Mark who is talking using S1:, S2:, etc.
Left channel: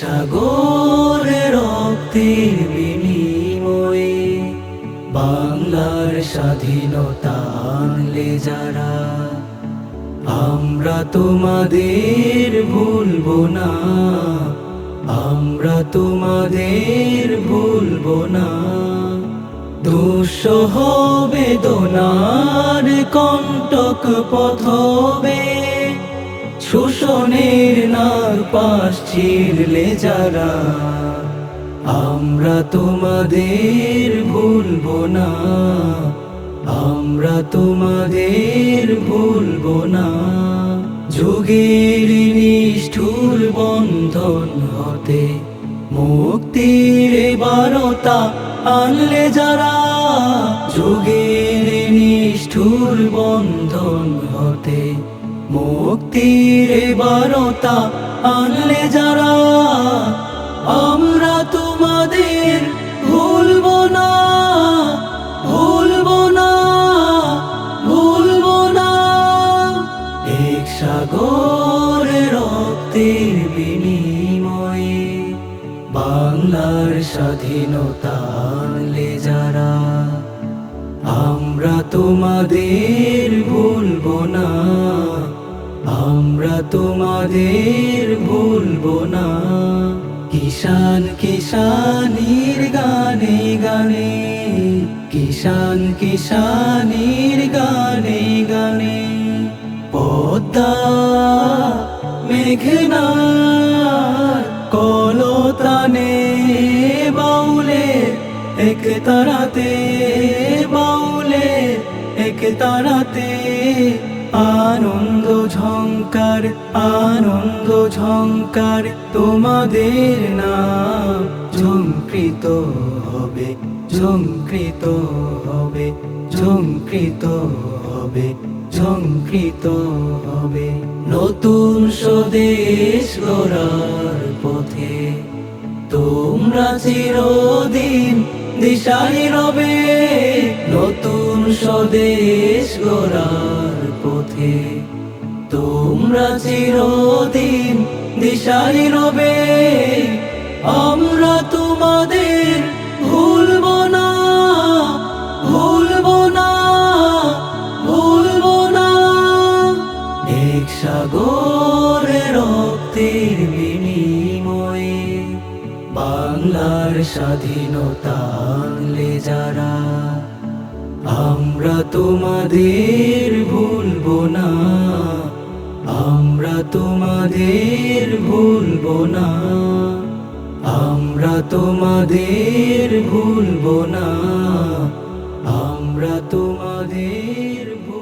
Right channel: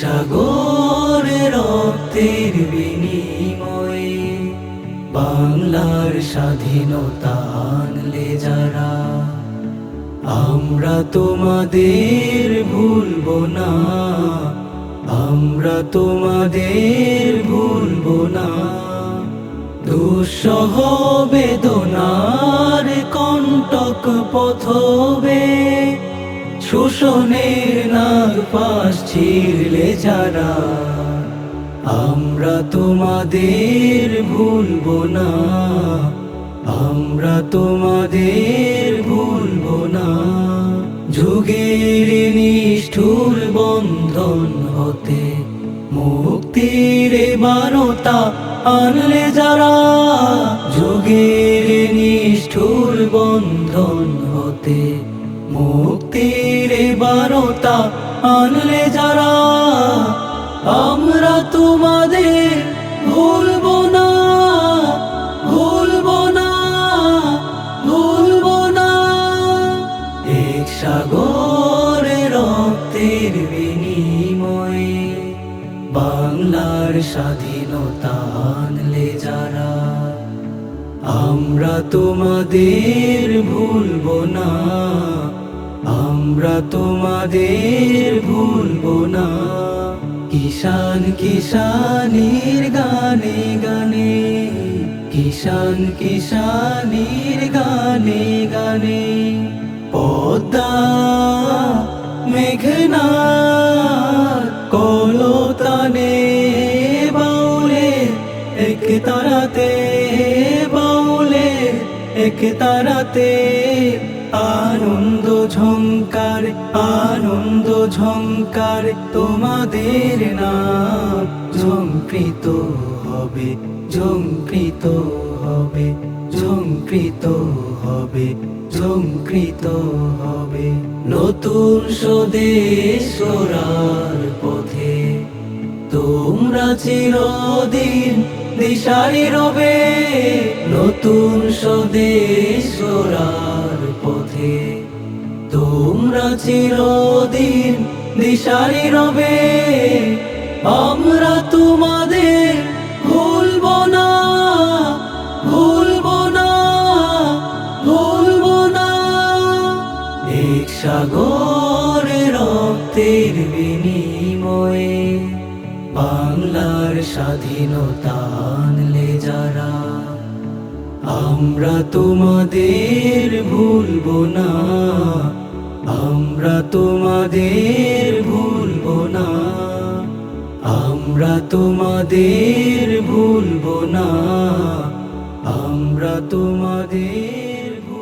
S1: সাগর রক্তের বিনিময়ে বাংলার স্বাধীনতা আনলে যারা, আমরা তোমাদের ভুলবো না, আমরা তোমাদের ভুলবো না। দুঃসহ বেদনার কণ্টক পথবে শোষণের নাগ পাশ ছিঁড়লে যারা, আমরা তোমাদের ভুলবো না, আমরা তোমাদের ভুলবো না। যুগের নিষ্ঠুর বন্ধন হতে মুক্তির বারতা আনলে যারা, যুগের নিষ্ঠুর বন্ধন হতে মুক্তির বারতা আনলে যারা, আমরা তোমাদের ভুলবো না ভুলবো না ভুলবো না। এক সাগর রক্তের বিনিময়ে বাংলার স্বাধীনতা আনলে যারা, আমরা তোমাদের ভুলবো না। তোমাদের ভুলবো না। কিষান কিষানির গানে গানে কিষান কিষানির গানে গানে, পদ্মা, মেঘনা, কলতানে বাউলে, এক তারাতে বাউলে, এক তারাতে আনন্দ ঝঙ্কার আনন্দ ঝঙ্কার তোমাদের নাম ঝঙ্কৃত হবে ঝঙ্কৃত হবে ঝঙ্কৃত হবে ঝঙ্কৃত হবে। নতুন স্বদেশ পথে তোমরা চিরদিন দিশারি রবে, নতুন স্বদেশ তোমরা চিরদিন দিশারি রবে, আমরা তোমাদের ভুলবো না ভুলবো না ভুলবো না। এক সাগর রক্তের বিনিময়ে বাংলার স্বাধীনতা আনলে যারা, আমরা তোমাদের আমরা তোমাদের ভুলব না। আমরা তোমাদের ভুলব না। আমরা তোমাদের